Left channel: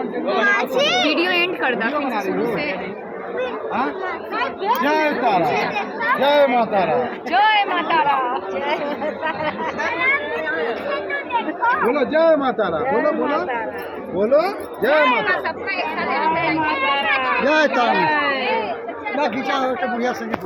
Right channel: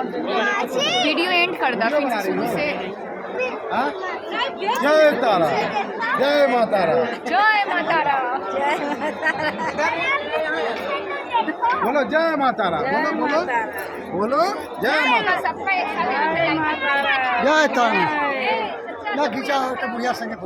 Video and कर दा फिर शुरू से। जय तारा, जय मातारा, जय मातारा, बोलो जय मातारा, बोलो बोलो बोलो जय माता। सबका एक साथ जय तारा ना खींचा हो तो बुढ़िया संगीत